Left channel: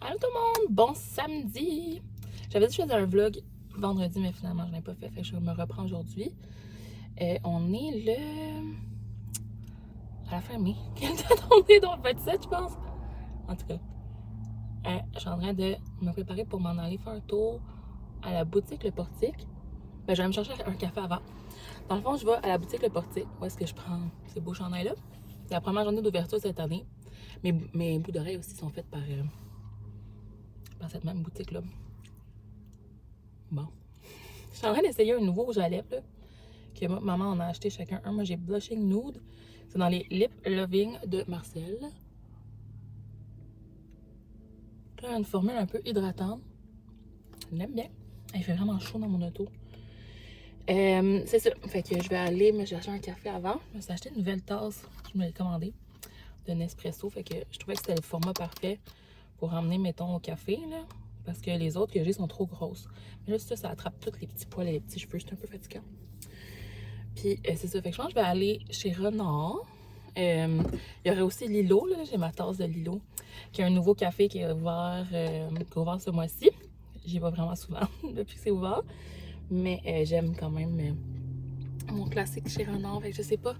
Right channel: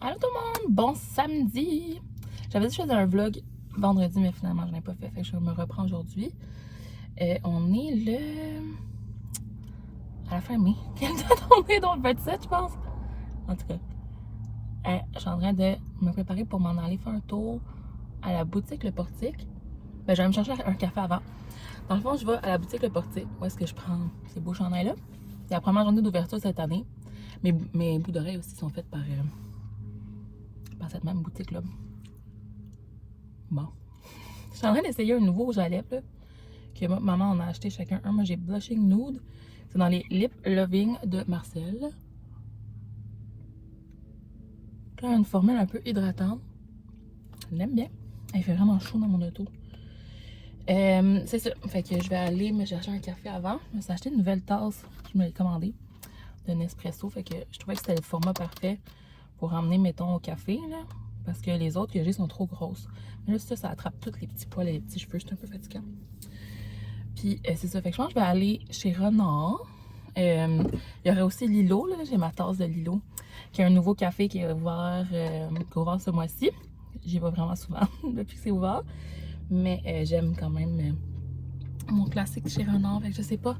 Allô tout le monde, bon samedi! J'avais dit que je faisais un vlog vendredi, mais finalement je n'ai pas fait, fait que je me reprends aujourd'hui. On est le... à la fin mai. Quelle date on est? Donc le 27 je pense. En tout cas, je suis en train de me préparer pour m'en aller faire un tour à la boutique Le Portique. Ben, je vais me chercher un café avant. Dans le fond, je vais à la boutique Le Portique. Où est-ce que je prends ces beaux chandails-là? C'est la première journée d'ouverture cette année. Mes bouts d'oreilles aussi sont faits par cette même boutique-là. Bon. Je suis en train d'essayer un nouveau rouge à lèvres là, que maman en a acheté chacun un. Moi j'ai Blushing Nude. C'est dans les Lip Loving de Marcel. Là, une formule un peu hydratante. Je l'aime bien. Il fait vraiment chaud dans mon auto. C'est ça. Fait que je vais aller me chercher un café avant. Je me suis acheté une nouvelle tasse. Je me l'ai commandée. De Nespresso. Fait que je trouvais que c'était le format parfait pour emmener, mettons, au café. Là, parce que les autres que j'ai sont trop grosses. Mais là, ça attrape tous les petits poils et les petits cheveux. C'est un peu fatigant. Puis c'est ça. Fait que je pense que je vais aller chez Renard. Il y aurait aussi Lilo. Là, j'ai ma tasse de Lilo. Qui a un nouveau café qui est ouvert, ce mois-ci. J'y vais vraiment souvent depuis que c'est ouvert. Mais j'aime quand même mon classique chez Renard. Fait que je sais pas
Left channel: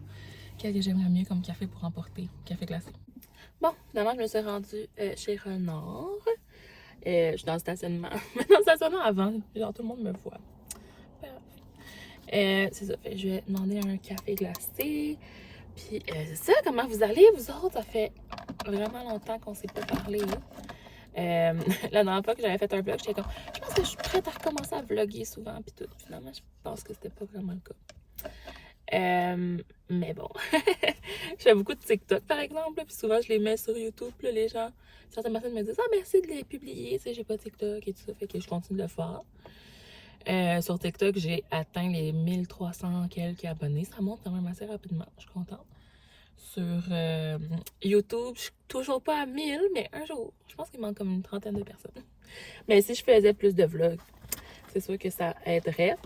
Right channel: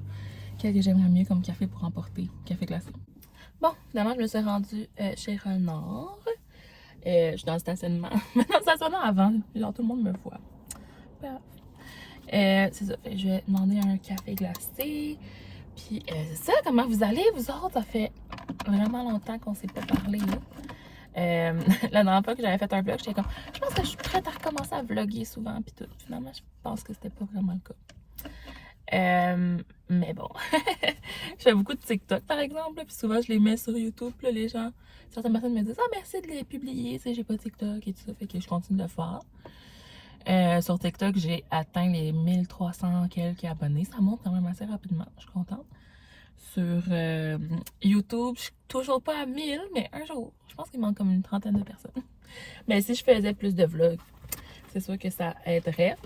quel que j'aimerais mieux comme café pour emporter. Café classique. Bon, finalement, je me suis rendue chez Renard. Je suis dans le stationnement. Mais dans le stationnement avant, genre tout le monde me voit. Bref. C'est ça. Je vais demander un café glacé. Puis c'est ça, comment vous allez, vous autres? Ça fait vraiment longtemps qu'on s'est pas parlé. La dernière fois que j'avais fait un vlog, j'étais comme, je pense que je suis prête à recommencer à vlogger souvent. Puis tout. Finalement, je pense que c'était pas vraiment le cas. Mais bon, je fais beaucoup de TikTok par exemple, puis souvent je les mets sur YouTube, là, les gens, certaines personnes me disent ah merci de les publier, tu sais, j'ai pas TikTok et tout ça, fait que je continue de le faire. Sur TikTok, j'ai atteint les 1300 quelques abonnés, ça monte quand même assez rapidement, je suis contente. Sur YouTube, je suis toujours pas à 1000, mais un jour, je pense qu'il manque comme une trentaine de personnes. Mais si je faisais plus de vlogs, c'est sûr que ça aiderait.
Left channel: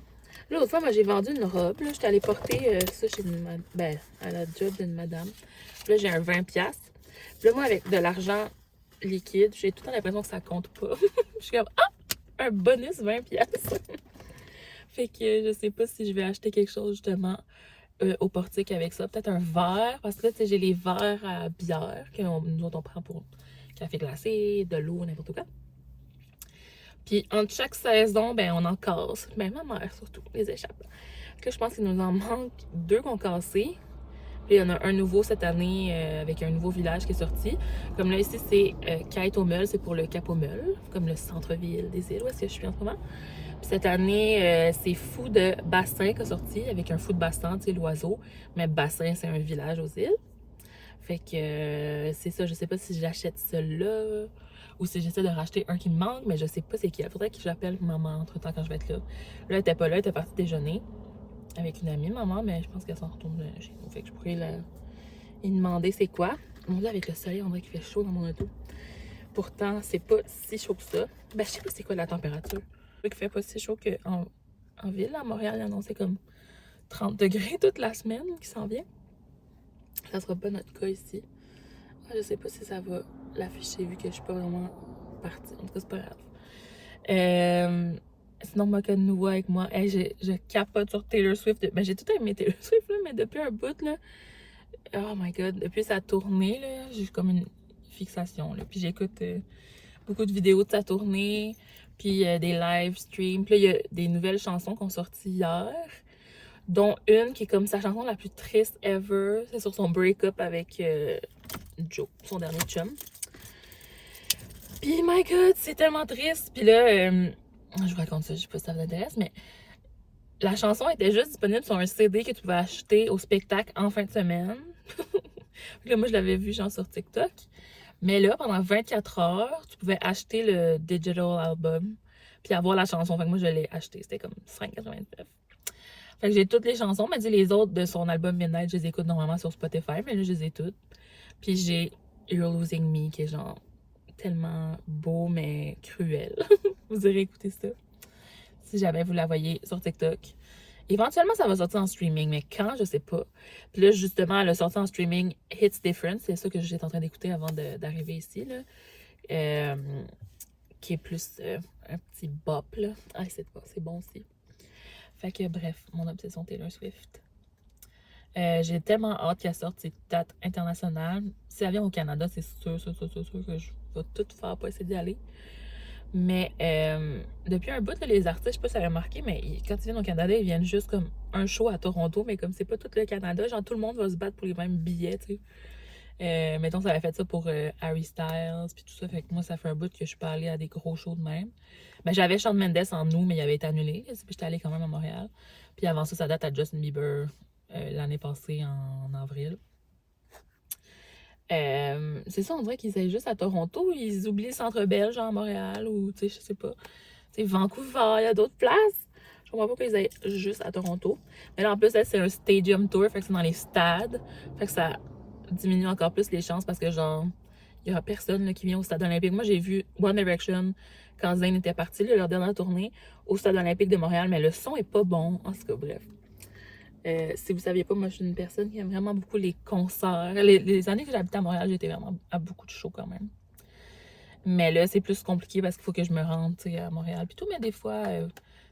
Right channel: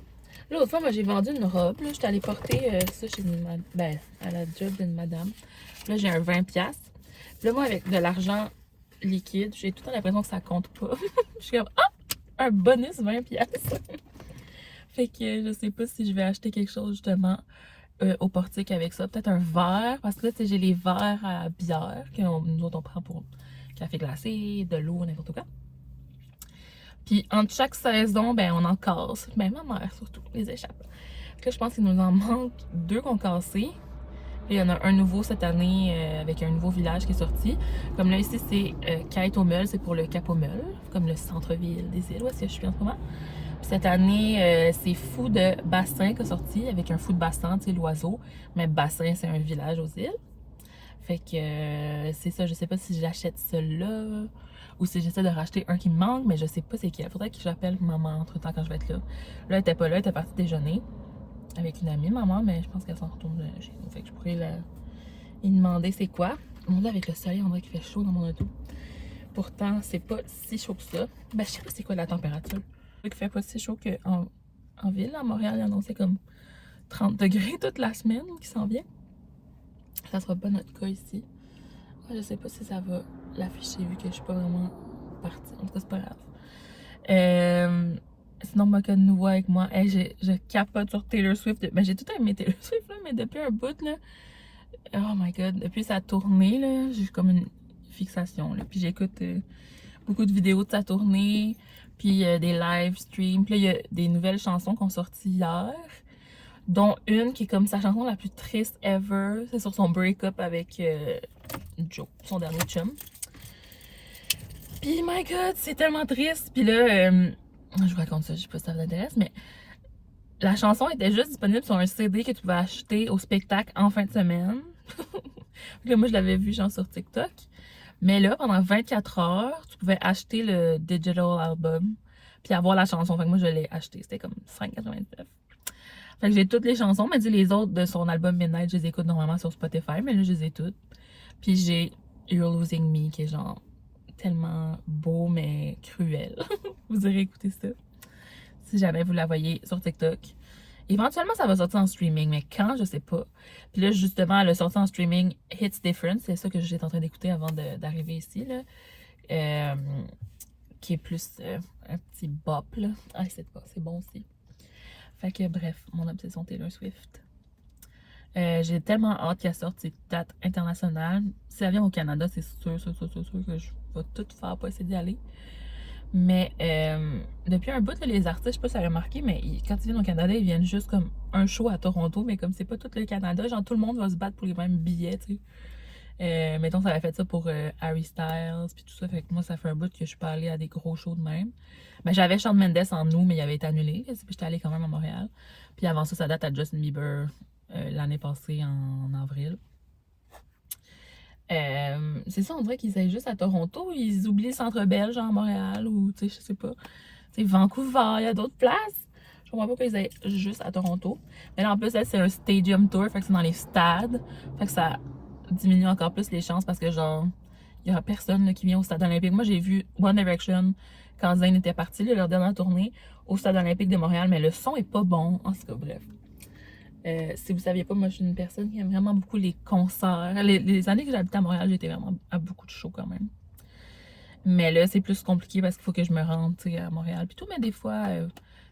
L'autre fois, moi, j'ai vendu une robe. J'étais allée porter ça chez à la job d'une madame. Puis là, j'ai un 20$. Puis là, moi, avec de l'argent liquide, j'ai tout le temps l'impression que ça compte pas. Je suis comme, ah, un bonus 20$. Fait que je sais pas si je vais acheter quelque chose, justement, au portique avec ça. Peut-être un verre, parce que là, tu sais, j'ai les verres à bière que nous autres, on prend pour café glacé, de l'eau, n'importe quoi. Puis entre chaque saison, ben on en casse. Ben ma mère surtout, les échappes. Fait que là, je pense qu'il nous en manque 2 qu'on cassé. Puis il y en a un nouveau cette année avec un nouveau village qui est sorti. Comme là ici, c'est Kite-au-Meul, c'est pour le Cap-au-Meul, comme le centre-ville des îles où est-ce que je suis en ce moment. Puis cette année, c'est Fou de Bassin qui est sorti avec un fou de bassin, tu sais, l'oiseau. Mais Bassin, c'est un village aux îles. Fait que c'est ça, je sais pas si j'achète celui-là ou si j'essaie de racheter un qui me manque, mais je sais pas c'est qui. Il faudrait que j'appelle maman entre temps quand je vais être là. Là, elle était pas là, elle était partie déjeuner avec une amie, maman, mais je pense qu'elle s'en retourne chez nous. Fait que je pourrais lui demander c'est quoi. Mon Dieu, avec le soleil, on dirait qu'il fait chaud dans mon auto. Pourtant, c'est pas si chaud que ça. Ben, je sais pas c'est quoi la température. Il fait pas si chaud qu'en ville. À Montréal, il a annoncé comme 30 degrés toute la semaine qui s'en vient. Ça sera pas notre cas ici. Je sais pas si ça va l'afficher vu que je suis pas vraiment partie. En tout cas, c'est pas grave. Sinon, moi, que de nouveau avec moi, hey, je capote sur Taylor Swift. Ben, j'ai tout aimé Taylor Swift, là, mais depuis un bout, là, oh my god, depuis sa tournée, là, j'ai comme une fixation. Là. Puis j'écoute beaucoup de vidéos de sa tournée, puis des live streams. Puis là, il y a des nouvelles chansons qui ont sorti hier, dont une qui est comme sa chanson la plus triste ever. C'est sur son break-up avec Joe, son dernier chum. Puis, my god, c'est tellement triste. Puis là, je vous raconte ça, je sais pas si ça vous intéresse, mais la chanson était juste disponible sur un CD que tu pouvais acheter au spectacle en fin de semaine. Là, moi, je l'avais vu genre sur TikTok. Mais là, pendant 24 heures, tu pouvais acheter le digital album puis avoir la chanson. Fait que moi, je l'ai acheté. C'était comme 5,99. Fait que j'ai toutes les chansons, mais les autres de son album Midnight, je les écoute normalement sur Spotify, mais là, je les ai toutes. Puis j'ai You're Losing Me, qui est genre tellement beau, mais cruel. Vous irez écouter ça. Si jamais vous la voyez sur TikTok. Éventuellement, ça va sortir en streaming, mais quand, je sais pas. Puis là, justement, elle a sorti en streaming Hits Different. C'est ça que j'étais en train d'écouter avant d'arriver ici, là. qui est plus un petit bop, là. Ah, c'est bon aussi. Fait que bref, mon obsession Taylor Swift. J'ai tellement hâte qu'elle sorte ses dates internationales. Si elle vient au Canada, c'est sûr que je vais tout faire pour essayer d'y aller. Mais depuis un bout, là, les artistes, je sais pas si vous avez remarqué, mais quand ils viennent au Canada, ils viennent juste comme un show à Toronto, mais comme c'est pas tout le Canada, genre tout le monde va se battre pour les mêmes billets, tu sais. Mettons, ça avait fait ça pour Harry Styles, puis tout ça, fait que moi, ça fait un bout que je suis pas allée à des gros shows de même. Ben, j'avais Shawn Mendes en août, mais il avait été annulé, puis j'étais allée quand même à Montréal. Puis avant ça date à Justin Bieber l'année passée en avril. C'est ça, on dirait qu'ils aillent juste à Toronto, ils oublient le Centre Bell, genre à Montréal, ou tu sais, je sais pas. Tu sais, Vancouver, il y a d'autres places. Je comprends pas qu'ils aillent juste à Toronto. Mais là, en plus, c'est un stadium tour, fait que c'est dans les stades. Fait que ça diminue encore plus les chances parce que, genre, il y aura personne là, qui vient au stade olympique. Moi, j'ai vu One Direction quand Zayn était parti, là, leur dernière tournée, au stade olympique de Montréal, mais le son est pas bon. En tout cas, bref. Si vous saviez pas, moi je suis une personne qui aime vraiment beaucoup les concerts. Les années que j'habitais à Montréal, j'étais vraiment à beaucoup de shows quand même. Mais là, c'est plus compliqué parce qu'il faut que je me rende à Montréal. Puis tout, mais des fois,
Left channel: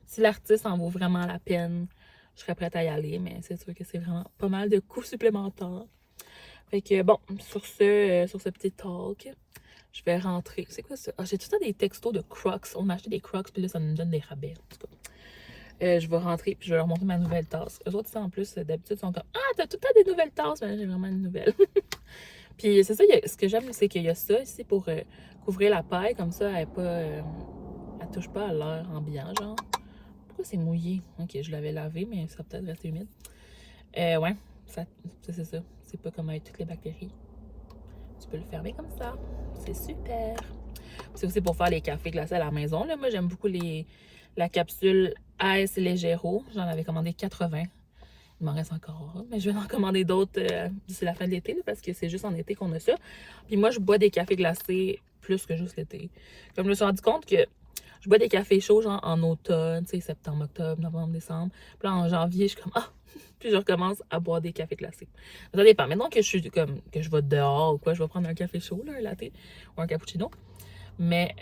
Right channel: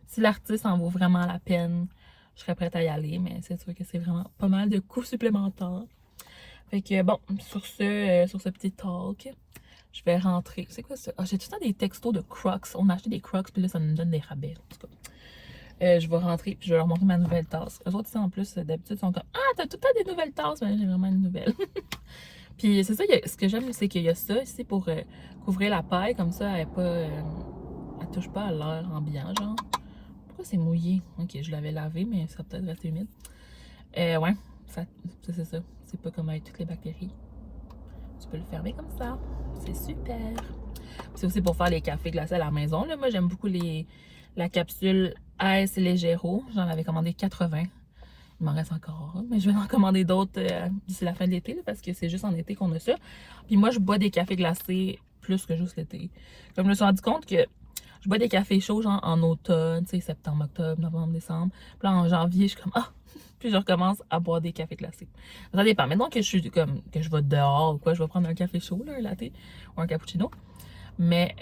si l'artiste en vaut vraiment la peine, je serais prête à y aller. Mais c'est sûr que c'est vraiment pas mal de coûts supplémentaires. Fait que bon, sur ce petit talk, je vais rentrer. C'est quoi ça? Ah, j'ai tout le temps des textos de Crocs. On a acheté des Crocs, puis là, ça nous donne des rabais. En tout cas. Je vais rentrer puis je vais leur montrer ma nouvelle tasse. Eux autres, en plus, d'habitude, sont comme Ah, t'as tout le temps des nouvelles tasses. Mais là, j'ai vraiment une nouvelle. Puis c'est ça, ce que j'aime, c'est qu'il y a ça ici pour couvrir la paille. Comme ça, elle touche pas à l'air ambiant, genre. Pourquoi c'est mouillé? Ok, je l'avais lavé, mais ça va peut-être rester humide. Ouais, c'est ça. C'est pas comme avec toutes les bactéries. Tu peux le fermer comme ça. C'est super. C'est aussi pour faire les cafés glacés à la maison. Là. Moi, j'aime beaucoup la capsule Ice Légero. J'en avais commandé 80. Il m'en reste encore, mais je vais en commander d'autres d'ici la fin de l'été, parce que c'est juste en été qu'on a ça. Puis moi, je bois des cafés glacés plus que juste l'été. Comme je me suis rendu compte que je bois des cafés chauds, genre en automne, tu sais, septembre, octobre, novembre, décembre. Puis là, en janvier, je suis comme, ah! Puis je recommence à boire des cafés glacés. Ça dépend. Maintenant que je suis comme, que je vais dehors ou quoi, je vais prendre un café chaud, là, un latte ou un cappuccino. Mais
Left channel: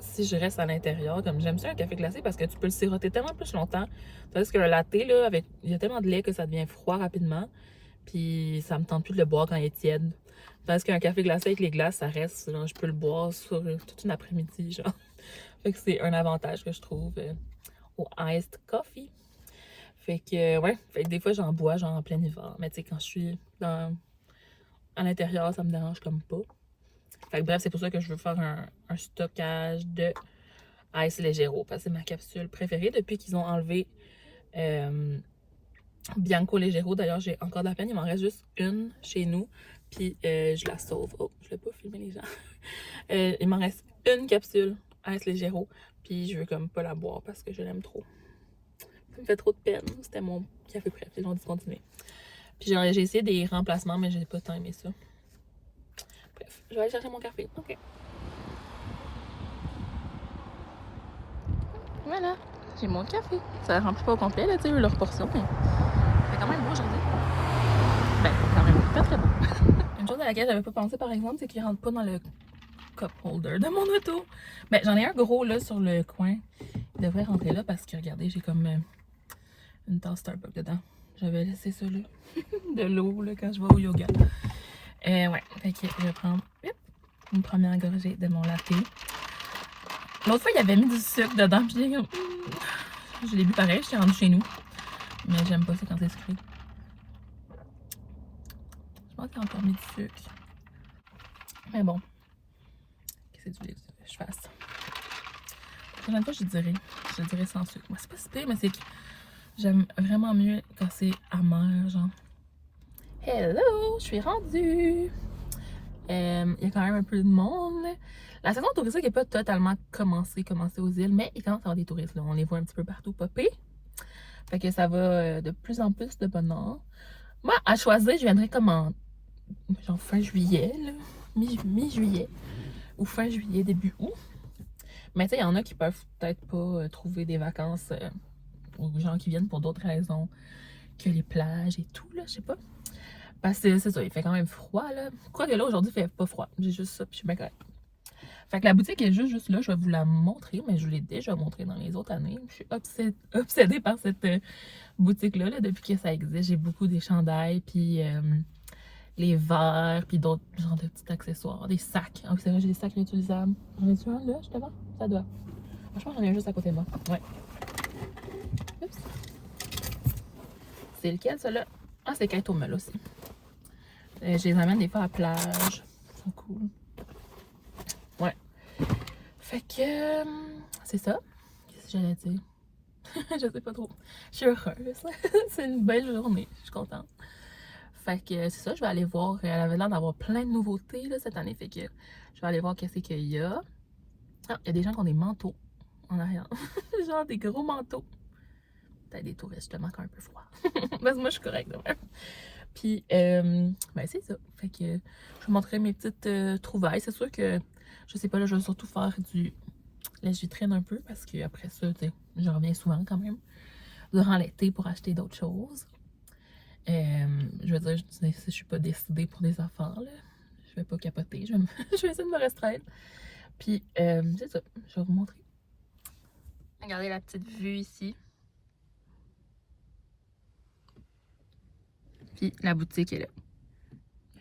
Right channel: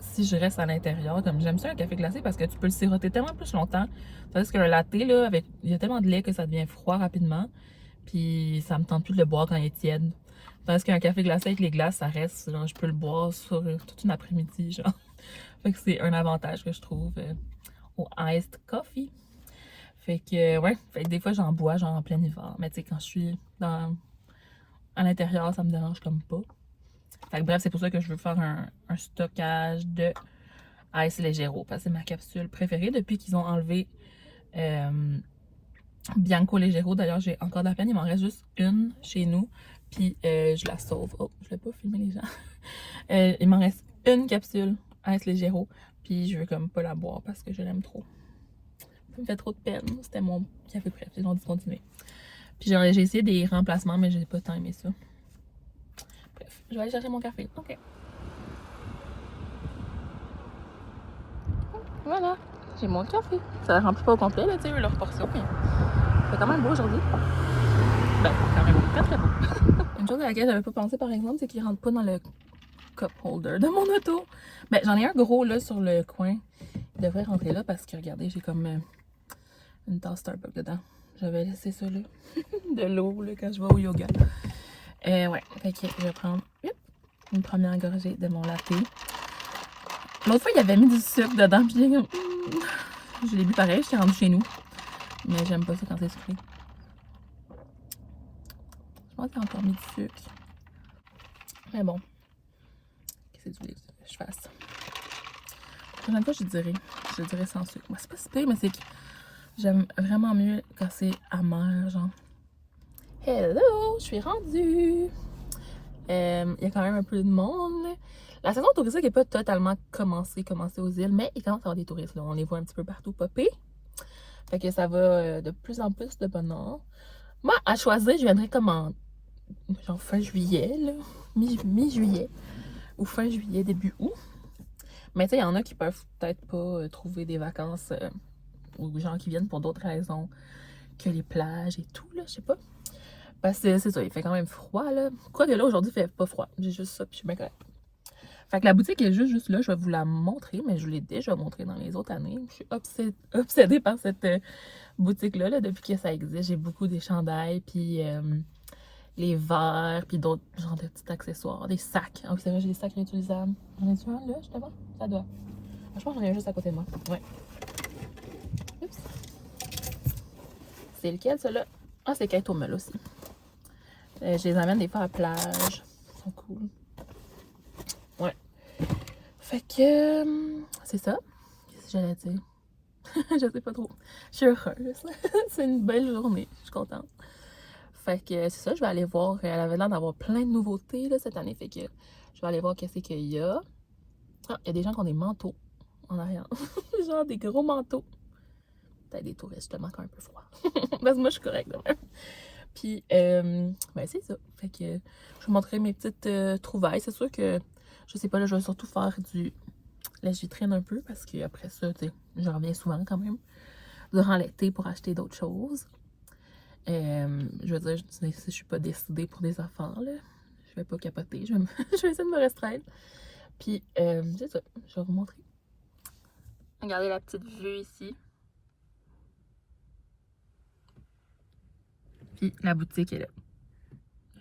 si je reste à l'intérieur, comme j'aime ça un café glacé parce que tu peux le siroter tellement plus longtemps. Tandis que le latte, là, il y a tellement de lait que ça devient froid rapidement. Puis ça me tente plus de le boire quand il est tiède. Tandis qu'un café glacé avec les glaces, ça reste. Genre, je peux le boire sur toute une après-midi, genre. Fait que c'est un avantage que je trouve au iced coffee. Fait que, ouais. Fait que des fois, j'en bois, genre en plein hiver. Mais tu sais, quand je suis à l'intérieur, ça me dérange comme pas. Fait que bref, c'est pour ça que je veux faire un stockage de Ice Legero. Parce que c'est ma capsule préférée depuis qu'ils ont enlevé Bianco Legero. D'ailleurs, j'ai encore de la peine. Il m'en reste juste une chez nous. Puis je la sauve. Oh, je vais pas filmer les gens. Il m'en reste une capsule Ice Legero. Puis je veux comme pas la boire parce que je l'aime trop. Ça me fait trop de peine. C'était mon café préféré. Ils l'ont discontinué. Puis j'ai essayé des remplacements, mais j'ai pas tant aimé ça. Bref, je vais aller chercher mon café. OK. Voilà, j'ai mon café. Ça ne remplit pas au complet, là, tu sais, leur portion, mais c'est quand même beau aujourd'hui. Ben, quand même très très beau. Une chose à laquelle j'avais pas pensé, par exemple, c'est qu'il rentre pas dans le cup holder de mon auto. Ben, j'en ai un gros, là, sur le coin. Il devrait rentrer là parce que, regardez, j'ai comme une tasse Starbucks dedans. J'avais laissé ça, là, de l'eau, là, quand je vais au yoga. Ouais, fait que je vais prendre une première gorgée de mon latte. L'autre fois, il avait mis du sucre dedans, puis j'ai comme... Je l'ai bu pareil, j'étais rendue chez nous. Mais j'aime pas ça quand c'est sucré. Je pense qu'il a encore mis du sucre. Mais bon. Qu'est-ce que tu voulais que je fasse? La prochaine fois, je dirais sans sucre. Moi, c'est pas si pire, mais c'est que j'aime vraiment mieux quand c'est amer, genre. Hello! Je suis rendue! Il y a quand même un peu de monde. La saison touristique n'est pas totalement commencée aux îles, mais il commence à y avoir des touristes. Là. On les voit un petit peu partout popper. Fait que ça va de plus en plus de bonheur. Moi, à choisir, je viendrais comme en genre fin juillet, là, mi-juillet, ou fin juillet, début août. Mais tu sais, il y en a qui peuvent peut-être pas trouver des vacances, ou gens qui viennent pour d'autres raisons que les plages et tout, là, je sais pas. Parce que c'est ça, il fait quand même froid, là. Quoique là, aujourd'hui, il fait pas froid. J'ai juste ça, puis je suis bien correcte. Fait que la boutique est juste là. Je vais vous la montrer, mais je vous l'ai déjà montré dans les autres années. Je suis obsédée par cette boutique-là là, depuis que ça existe. J'ai beaucoup des chandails, puis les verres, puis d'autres genres de petits accessoires, des sacs. Ah oui, c'est vrai, j'ai des sacs réutilisables. J'en ai-tu un là, je te vois? Ça doit. Je pense que j'en ai un juste à côté de moi. Ouais. Oups. C'est lequel, ça là? Ah, c'est Kate Mall aussi. Je les amène des fois à la plage. Ils sont cool. Ouais. Fait que c'est ça. Qu'est-ce que j'allais dire? Je sais pas trop. Je suis heureuse. C'est une belle journée. Je suis contente. Fait que c'est ça, je vais aller voir. Elle avait l'air d'avoir plein de nouveautés là, cette année. Fait que je vais aller voir qu'est-ce qu'il y a. Ah, il y a des gens qui ont des manteaux en arrière. Genre des gros manteaux. Peut-être des touristes, je te manque un peu froid. Parce que moi, je suis correcte de même. Puis, ben c'est ça. Fait que je vous montrerai mes petites trouvailles. C'est sûr que, je sais pas, là, je vais surtout faire du lèche-vitrine un peu. Parce qu'après ça, tu sais, je reviens souvent quand même. Durant l'été pour acheter d'autres choses. Je veux dire, si je suis pas décidée pour des affaires, là, je vais pas capoter. Je vais essayer de me restreindre. Puis, c'est ça. Je vais vous montrer. Regardez la petite vue ici. Puis, la boutique est là.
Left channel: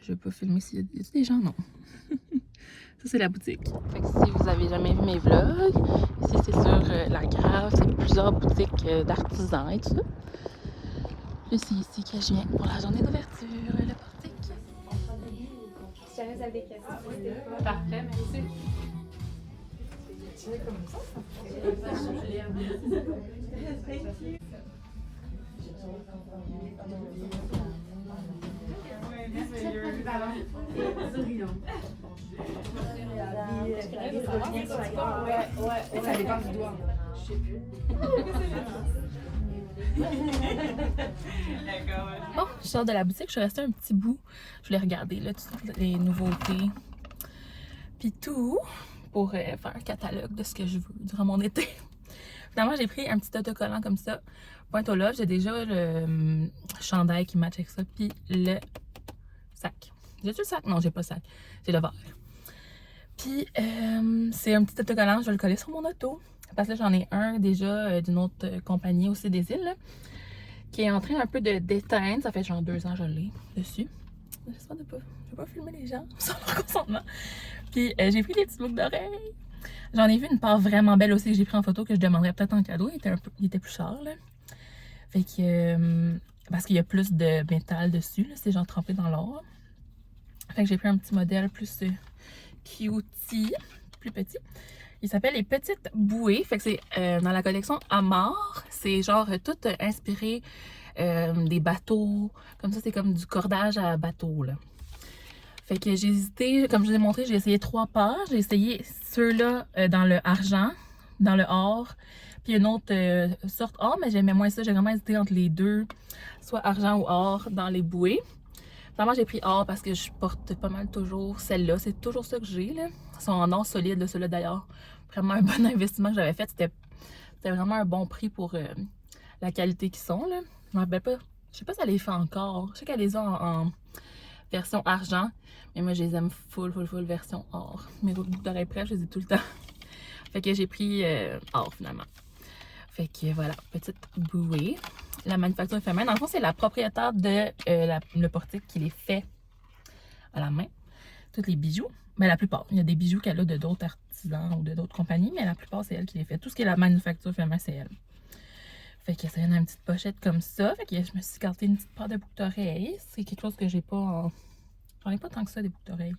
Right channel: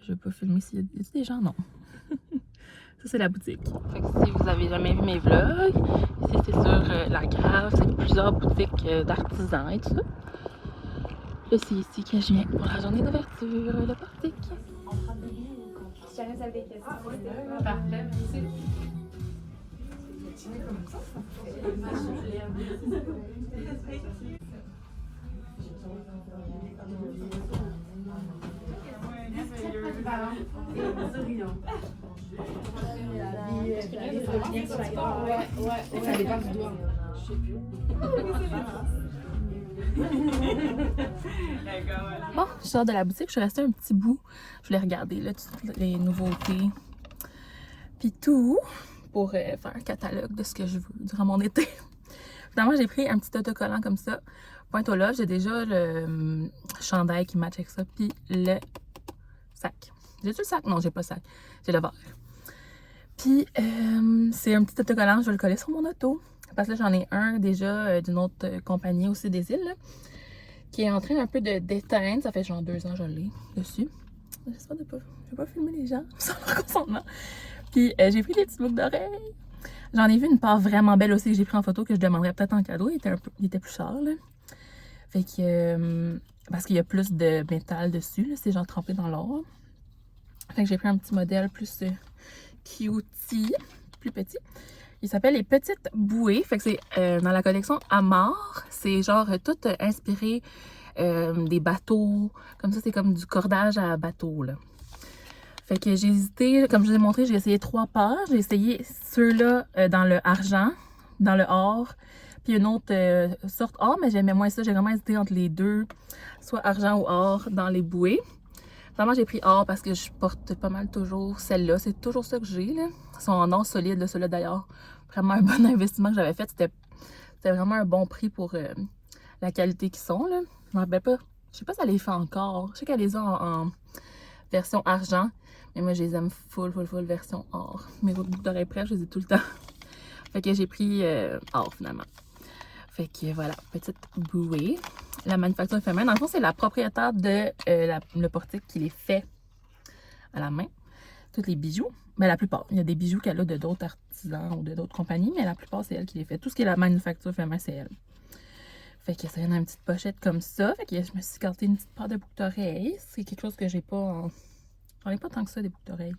Je vais pas filmer s'il y a des gens, non. Ça, c'est la boutique. Fait que si vous avez jamais vu mes vlogs, ici, c'est sur la Grave. C'est plusieurs boutiques d'artisans et tout ça. Et c'est ici que je viens pour la journée d'ouverture, le portique. Si jamais vous avez des questions, Parfait, merci. ça dépend du doigt. Bon, je sors de la boutique, je suis restée un petit bout. Je voulais regarder là, toutes les nouveautés. Puis tout, pour faire un catalogue de ce que je veux durant mon été. Finalement, j'ai pris un petit autocollant comme ça. Pointe au love, j'ai déjà le chandail qui match avec ça. Puis le sac. J'ai-tu le sac? Non, j'ai pas le sac. J'ai le verre. Puis c'est un petit autocollant, je vais le coller sur mon auto. Parce que j'en ai un déjà d'une autre compagnie aussi des îles. Là, qui est en train un peu de d'éteindre. Ça fait genre 2 ans que je l'ai dessus. J'espère de pas. Je vais pas filmer les gens sans leur consentement. Puis j'ai pris des petites boucles d'oreilles. J'en ai vu une part vraiment belle aussi que j'ai pris en photo que je demanderais peut-être en cadeau. Il était plus cher là. Fait que parce qu'il y a plus de métal dessus. C'est genre trempé dans l'or. Fait que j'ai pris un petit modèle plus cutie, plus petit. Il s'appelle les petites bouées. Fait que c'est dans la collection Amar. C'est genre tout inspiré des bateaux. Comme ça, c'est comme du cordage à bateau, là. Fait que j'ai hésité, comme je vous ai montré, j'ai essayé 3 paires. J'ai essayé ceux-là dans le argent, dans le or, puis une autre sorte or, mais j'aimais moins ça. J'ai vraiment hésité entre les deux, soit argent ou or dans les bouées. Finalement, j'ai pris or parce que je porte pas mal toujours celle-là. C'est toujours ça que j'ai, là. Ils sont en or solide, là, ceux-là d'ailleurs. Vraiment un bon investissement que j'avais fait. C'était vraiment un bon prix pour la qualité qu'ils sont, là. Je me rappelle pas. Je sais pas si elle les fait encore. Je sais qu'elle les a en version argent. Mais moi, je les aime full version or. Mes boucles d'oreilles près, je les ai tout le temps. Fait que j'ai pris or finalement. Fait que voilà, petite bouée. La manufacture éphémère. Dans le fond, c'est la propriétaire de le portique qui les fait à la main. Tous les bijoux. Mais la plupart. Il y a des bijoux qu'elle a de d'autres artisans ou de d'autres compagnies. Mais la plupart, c'est elle qui les fait. Tout ce qui est la manufacture éphémère, c'est elle. Fait que ça vient dans une petite pochette comme ça. Fait que je me suis gardé une petite paire de boucles d'oreilles. C'est quelque chose que j'ai pas en... J'en ai pas tant que ça des boucles d'oreilles.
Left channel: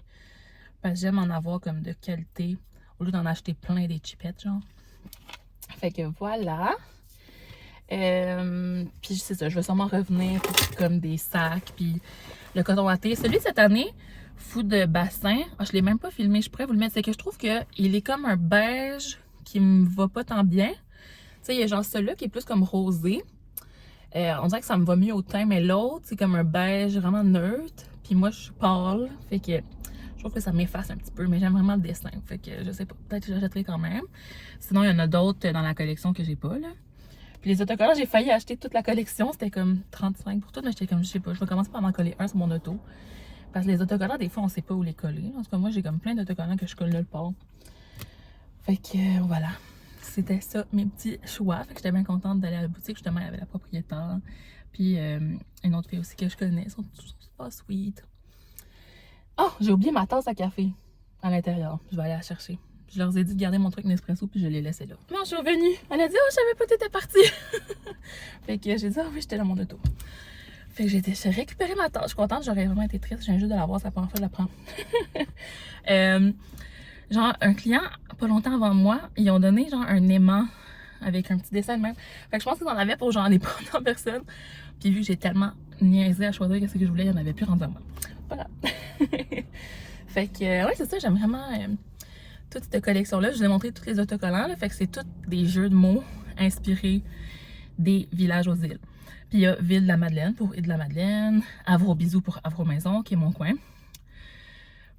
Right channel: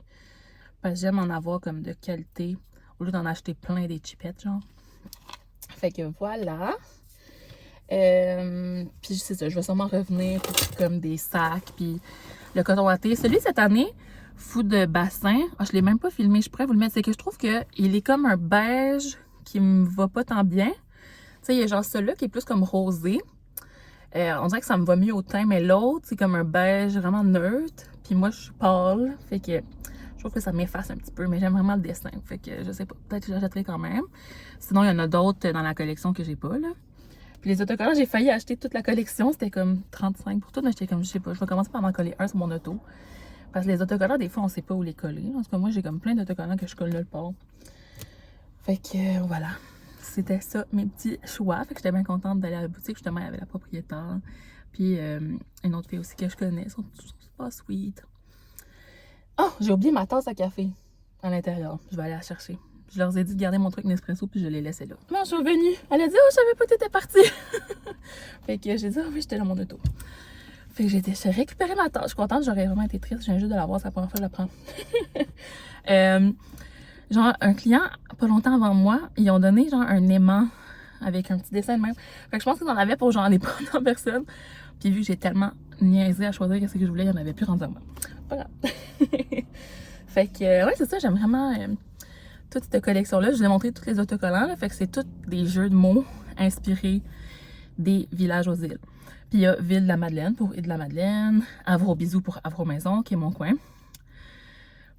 Parce que j'aime en avoir comme de qualité. Au lieu d'en acheter plein des chipettes, genre. Fait que voilà. Puis c'est ça, je vais sûrement revenir pour comme des sacs. Puis le coton watté. Celui de cette année, fou de bassin. Ah, je l'ai même pas filmé, je pourrais vous le mettre. C'est que je trouve qu'il est comme un beige qui me va pas tant bien. Tu sais, il y a genre celui-là qui est plus comme rosé. On dirait que ça me va mieux au teint, mais l'autre, c'est comme un beige vraiment neutre. Puis moi, je suis pâle. Fait que je trouve que ça m'efface un petit peu, mais j'aime vraiment le dessin. Fait que je sais pas, peut-être que j'achèterai quand même. Sinon, il y en a d'autres dans la collection que j'ai pas, là. Puis les autocollants, j'ai failli acheter toute la collection. C'était comme 35 pour tout, mais j'étais comme, je sais pas, je vais commencer par en coller un sur mon auto. Parce que les autocollants, des fois, on sait pas où les coller. En tout cas, moi, j'ai comme plein d'autocollants que je colle nulle part. Fait que voilà, c'était ça, mes petits choix. Fait que j'étais bien contente d'aller à la boutique. Justement, il y avait la propriétaire. Puis une autre fille aussi que je connais. Ils sont super sweet. Oh, j'ai oublié ma tasse à café à l'intérieur. Je vais aller la chercher. Je leur ai dit de garder mon truc Nespresso puis je l'ai laissé là. Non, je suis revenue. Elle a dit, oh, je savais pas que t'étais partie. Fait que j'ai dit, oh oui, j'étais dans mon auto. Fait que j'ai récupéré ma tasse. Je suis contente, j'aurais vraiment été triste. Je viens juste de la voir, c'est la première fois que je la prends. Genre, un client, pas longtemps avant moi, ils ont donné genre un aimant avec un petit dessin de même. Fait que je pense qu'ils en avaient pour genre les premières personnes. Puis vu que j'ai tellement niaisé à choisir ce que je voulais, il n'y en avait plus rendu à moi. Pas grave. Fait que, ouais, c'est ça, j'aime vraiment toute cette collection-là. Je vous ai montré tous les autocollants, là, fait que c'est tous des jeux de mots inspirés des villages aux îles. Puis il y a Ville de la Madeleine pour Île de la Madeleine, Havre-aux-Bisous pour Havre-aux-Maisons, qui est mon coin.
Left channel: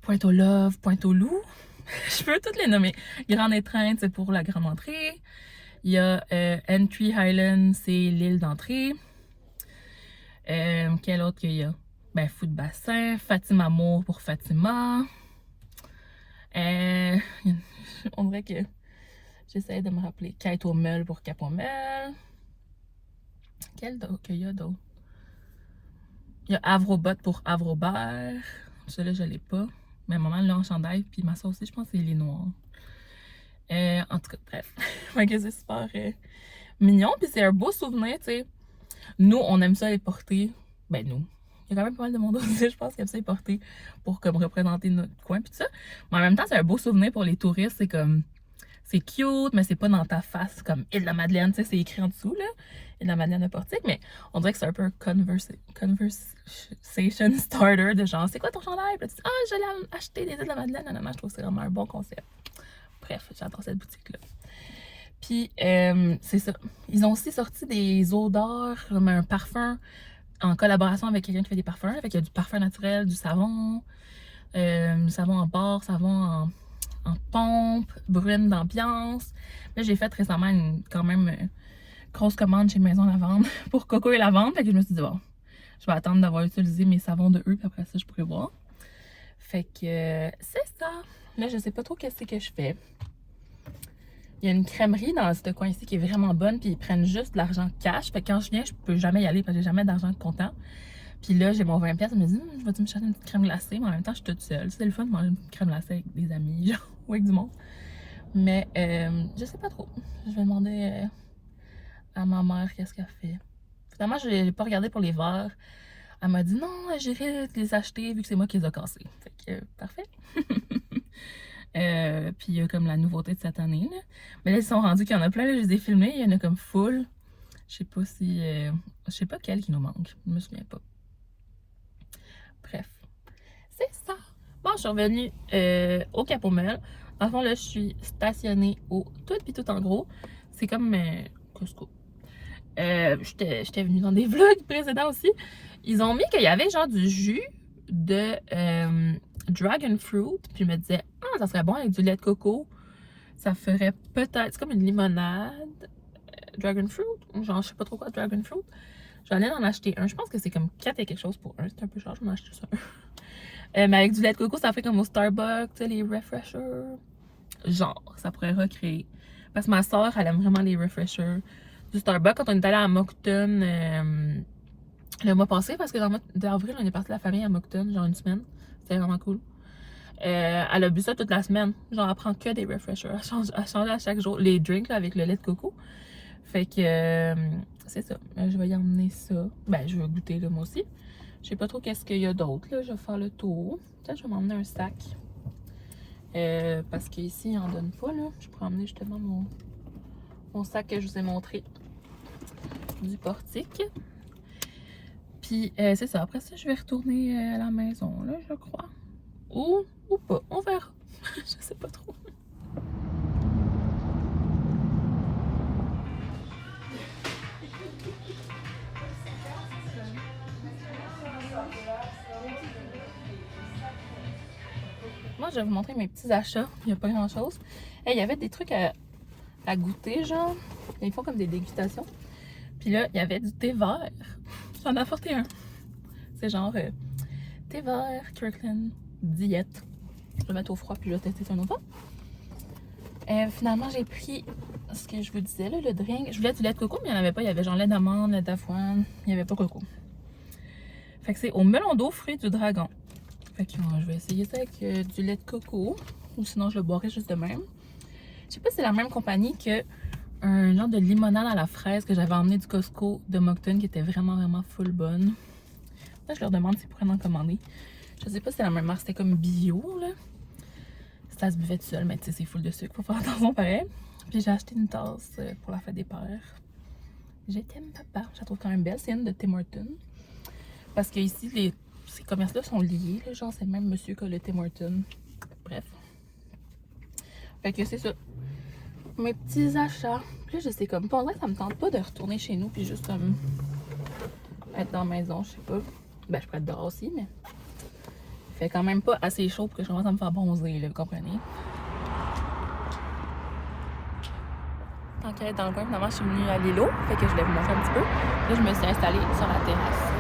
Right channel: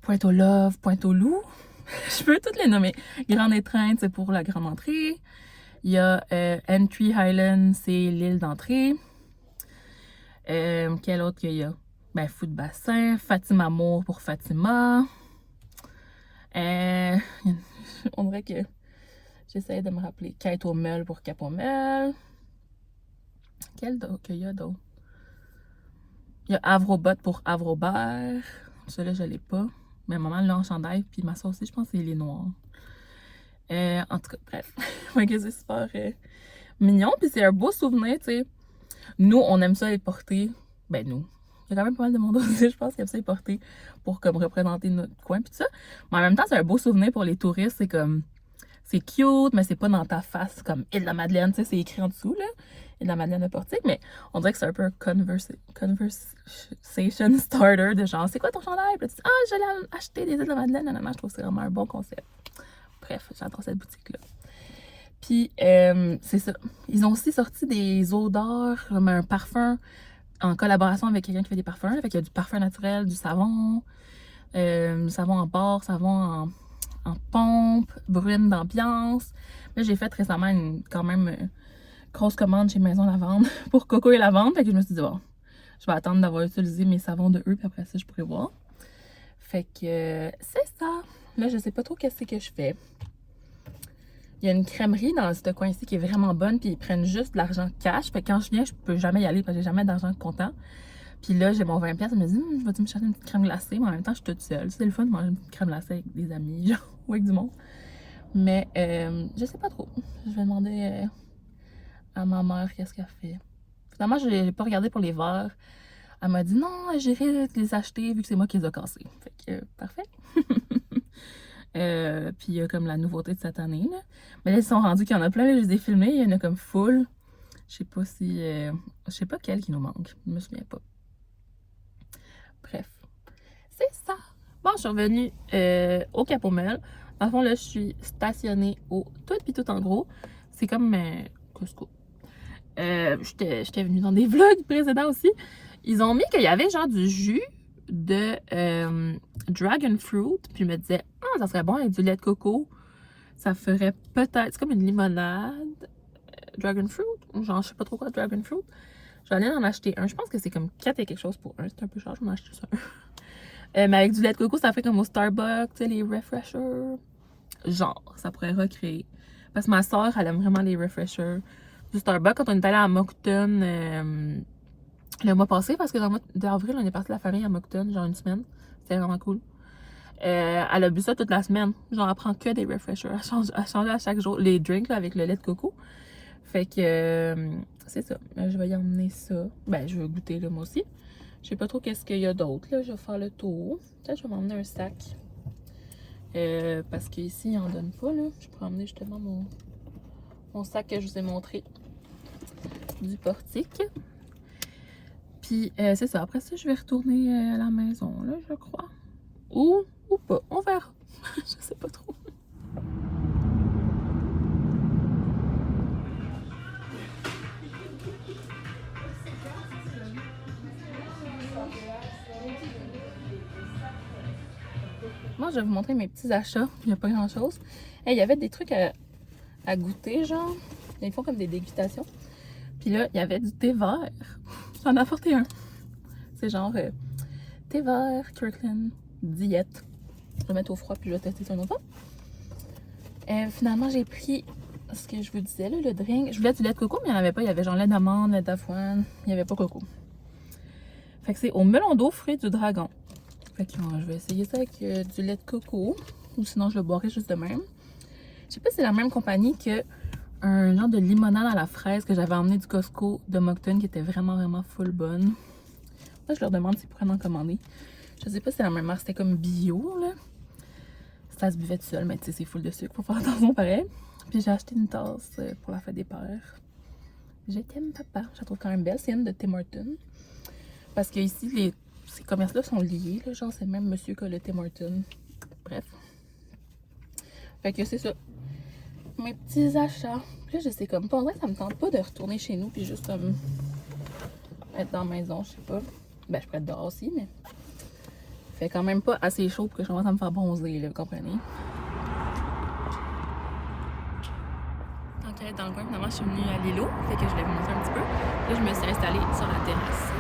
Pointe-aux-Love, Pointe-aux-Loups. Je peux toutes les nommer. Grande Étreinte, c'est pour la grande entrée. Il y a Entry Highland, c'est l'île d'entrée. Quel autre qu'il y a? Ben, Fou de Bassin, Fatima Amour pour Fatima. On dirait que j'essaie de me rappeler. Quête au Meul pour Cap au Meul. Quel d'autre qu'il y a d'autre? Il y a Havre-aux-Bottes pour Havre-aux-Bert. Celui-là, je l'ai pas. Mais maman l'a en chandail, puis ma soeur aussi, je pense que c'est les noirs. En tout cas, bref. C'est super mignon, puis c'est un beau souvenir, tu sais. Nous, on aime ça les porter. Ben, nous. Il y a quand même pas mal de monde aussi, je pense, qui aime ça les porter pour comme représenter notre coin, puis tout ça. Mais en même temps, c'est un beau souvenir pour les touristes. C'est comme. C'est cute, mais c'est pas dans ta face, comme Île de la Madeleine, tu sais, c'est écrit en dessous, là. Île de la Madeleine de Portique, mais on dirait que c'est un peu un conversation starter de genre, c'est quoi ton chandail? Puis tu dis, ah, je l'ai acheté des Îles de la Madeleine. Non, je trouve que c'est vraiment un bon concept. Bref, j'adore cette boutique-là. Puis, c'est ça. Ils ont aussi sorti des odeurs, comme un parfum en collaboration avec quelqu'un qui fait des parfums. Là. Fait qu'il y a du parfum naturel, du savon en barre, savon en pompe, brune d'ambiance. Là, j'ai fait récemment quand même grosse commande chez Maison Lavande pour Coco et Lavande. Fait que je me suis dit, bon, je vais attendre d'avoir utilisé mes savons de eux, puis après ça, je pourrais voir. Fait que c'est ça. Là, je sais pas trop qu'est-ce que je fais. Il y a une crèmerie dans ce coin-ci qui est vraiment bonne, puis ils prennent juste de l'argent cash. Fait que quand je viens, je peux jamais y aller parce que j'ai jamais d'argent comptant. Puis là, j'ai mon 20$, je me dis, je vais me chercher une petite crème glacée, mais en même temps, je suis toute seule. C'est le fun de manger une petite crème glacée avec des amis, genre, ou avec du monde. Mais je sais pas trop. Je vais demander à ma mère qu'est-ce qu'elle fait. Finalement, je n'ai pas regardé pour les verres. Elle m'a dit, non, j'irai les acheter vu que c'est moi qui les ai cassés. Fait que, parfait. Puis il y a comme la nouveauté de cette année, là. Mais là, ils sont rendus qu'il y en a plein, là, je les ai filmés, il y en a comme full. Je sais pas si... je sais pas quel qui nous manque, je me souviens pas. Bref, c'est ça. Bon, je suis revenue au Cap au Meul. Dans le fond, là, je suis stationnée au Tout Pis Tout en gros. C'est comme Costco. J'étais venue dans des vlogs précédents aussi. Ils ont mis qu'il y avait genre du jus de dragon fruit. Puis je me disais, ah, ça serait bon avec du lait de coco. Ça ferait peut-être, c'est comme une limonade dragon fruit. Genre, je sais pas trop quoi, dragon fruit. J'allais en acheter un. Je pense que c'est comme 4 et quelque chose pour un. C'est un peu cher, j'en ai acheté ça. Mais avec du lait de coco, ça fait comme au Starbucks, tu sais, les refreshers. Genre, ça pourrait recréer. Parce que ma soeur, elle aime vraiment les refreshers du Starbucks. Quand on est allé à Moncton le mois passé, parce que dans le mois d'avril, on est parti de la famille à Moncton, genre une semaine. C'était vraiment cool. Elle a bu ça toute la semaine. Genre, elle prend que des refreshers. Elle change à chaque jour les drinks là, avec le lait de coco. Fait que c'est ça. Je vais y emmener ça. Ben, je vais goûter là, moi aussi. Je sais pas trop qu'est-ce qu'il y a d'autre. Je vais faire le tour. Peut-être que je vais m'emmener un sac. Parce qu'ici, ils en donnent pas. Là. Je pourrais emmener justement mon sac que je vous ai montré du portique. Puis c'est ça. Après ça, je vais retourner à la maison, là, je crois. Ou pas. On verra. Je sais pas trop. Moi, je vais vous montrer mes petits achats. Il n'y a pas grand-chose. Il y avait des trucs à goûter, genre. Ils font comme des dégustations. Puis là, il y avait du thé vert. J'en ai apporté un. C'est genre thé vert, Kirkland, diète. Je vais le mettre au froid puis je vais tester ça une autre fois. Finalement, j'ai pris ce que je vous disais, là, le drink. Je voulais du lait de coco, mais il n'y en avait pas. Il y avait genre lait d'amande, lait d'avoine. Il n'y avait pas coco. Fait que c'est au melon d'eau, fruits du dragon. Fait que je vais essayer ça avec du lait de coco. Ou sinon, je le boirai juste de même. Je sais pas si c'est la même compagnie que un genre de limonade à la fraise que j'avais emmené du Costco de Moncton qui était vraiment, vraiment full bonne. Là, je leur demande s'ils pourraient en commander. Je sais pas si c'est la même marque. C'était comme bio, là. Ça se buvait tout seul, mais tu sais, c'est full de sucre. Faut faire attention pareil. Puis j'ai acheté une tasse pour la fête des pères. Je t'aime, papa. Je la trouve quand même belle. C'est une de Tim Hortons. Parce que ici, ces commerces-là sont liés. Là. Genre, c'est le même monsieur que le Tim Hortons. Bref. Fait que c'est ça. Mes petits achats. Puis là, je sais comme pas. On dirait que ça me tente pas de retourner chez nous. Puis juste comme être dans la maison. Je sais pas. Ben, je pourrais être dehors aussi, mais. Il fait quand même pas assez chaud pour que je commence à me faire bronzer, là, vous comprenez? Tant qu'à être dans le coin, finalement, je suis venue à l'îlot. Fait que je voulais vous montrer un petit peu. Là, je me suis installée sur la terrasse.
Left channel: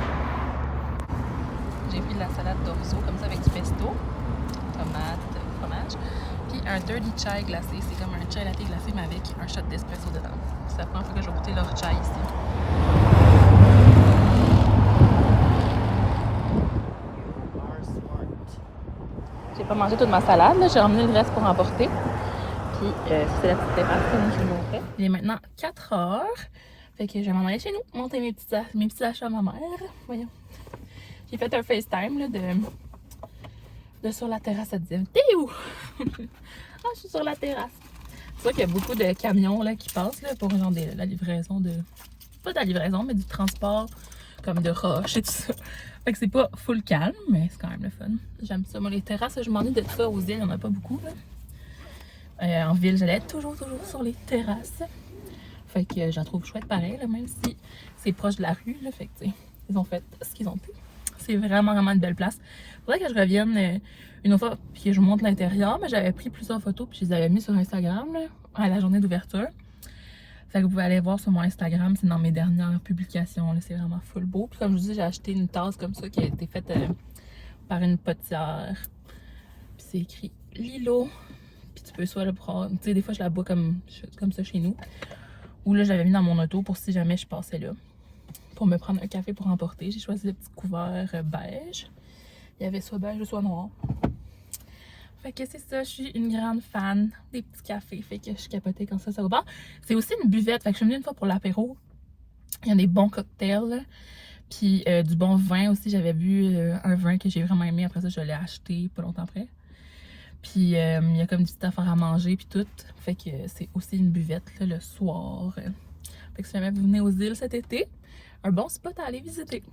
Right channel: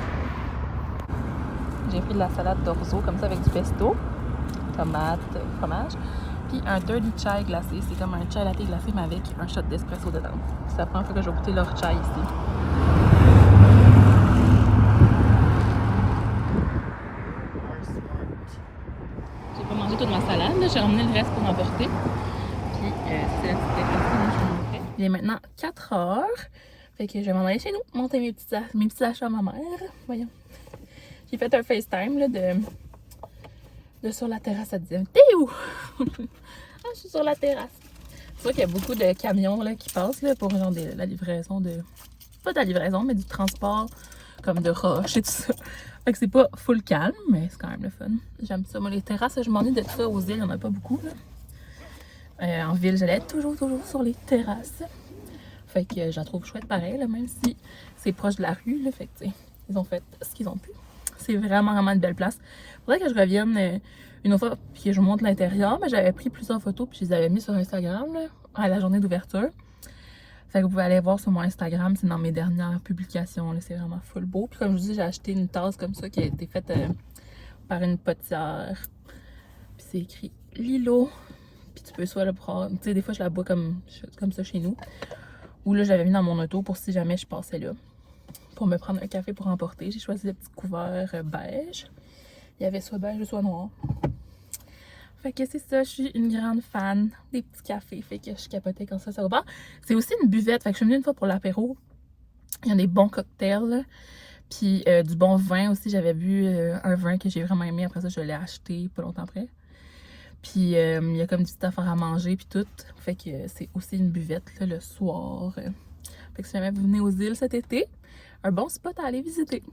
J'ai pris de la salade d'orzo, comme ça, avec du pesto, tomate, fromage. Puis un dirty chai glacé. C'est comme un chai latte glacé, mais avec un shot d'espresso dedans. C'est la première fois que je vais goûter leur chai ici. J'ai pas mangé toute ma salade, j'ai emmené le reste pour emporter. Puis c'est la petite terrasse que je vous montrais. Il est maintenant 4 heures. Fait que je vais m'en aller chez nous, monter mes petits achats à ma mère. Voyons. J'ai fait un FaceTime là, de sur la terrasse. Elle disait t'es où? Ah, je suis sur la terrasse. C'est sûr qu'il y a beaucoup de camions là, qui passent là, pour genre la livraison de. Pas de la livraison, mais du transport comme de roches et tout ça. Fait que c'est pas full calme, mais c'est quand même le fun. J'aime ça. Moi, les terrasses, je m'ennuie de tout ça. Aux îles, il n'y en a pas beaucoup. Là. En ville, j'allais toujours sur les terrasses. Fait que j'en trouve chouette pareil, là, même si c'est proche de la rue. Là, fait que, ils ont fait ce qu'ils ont pu. C'est vraiment, vraiment une belle place. Faudrait que je revienne une autre fois puis que je vous montre l'intérieur. Mais j'avais pris plusieurs photos puis je les avais mis sur Instagram là, à la journée d'ouverture. Fait que vous pouvez aller voir sur mon Instagram, c'est dans mes dernières publications, c'est vraiment full beau. Puis comme je vous dis, j'ai acheté une tasse comme ça qui a été faite par une potière. Puis c'est écrit Lilo. Puis tu peux soit le prendre, tu sais, des fois je la bois comme ça chez nous. Ou là, j'avais mis dans mon auto pour si jamais je passais là. Pour me prendre un café pour emporter. J'ai choisi le petit couvert beige. Il y avait soit beige ou soit noir. Fait que c'est ça, je suis une grande fan des petits cafés. Fait que je capotais quand ça au bar. C'est aussi une buvette. Fait que je suis venue une fois pour l'apéro. Il y a des bons cocktails. Là. Puis du bon vin aussi. J'avais bu un vin que j'ai vraiment aimé. Après ça, je l'ai acheté pas longtemps après. Puis il y a comme des petites affaires à manger puis tout. Fait que c'est aussi une buvette là, le soir. Fait que si jamais vous venez aux îles cet été, un bon spot à aller visiter.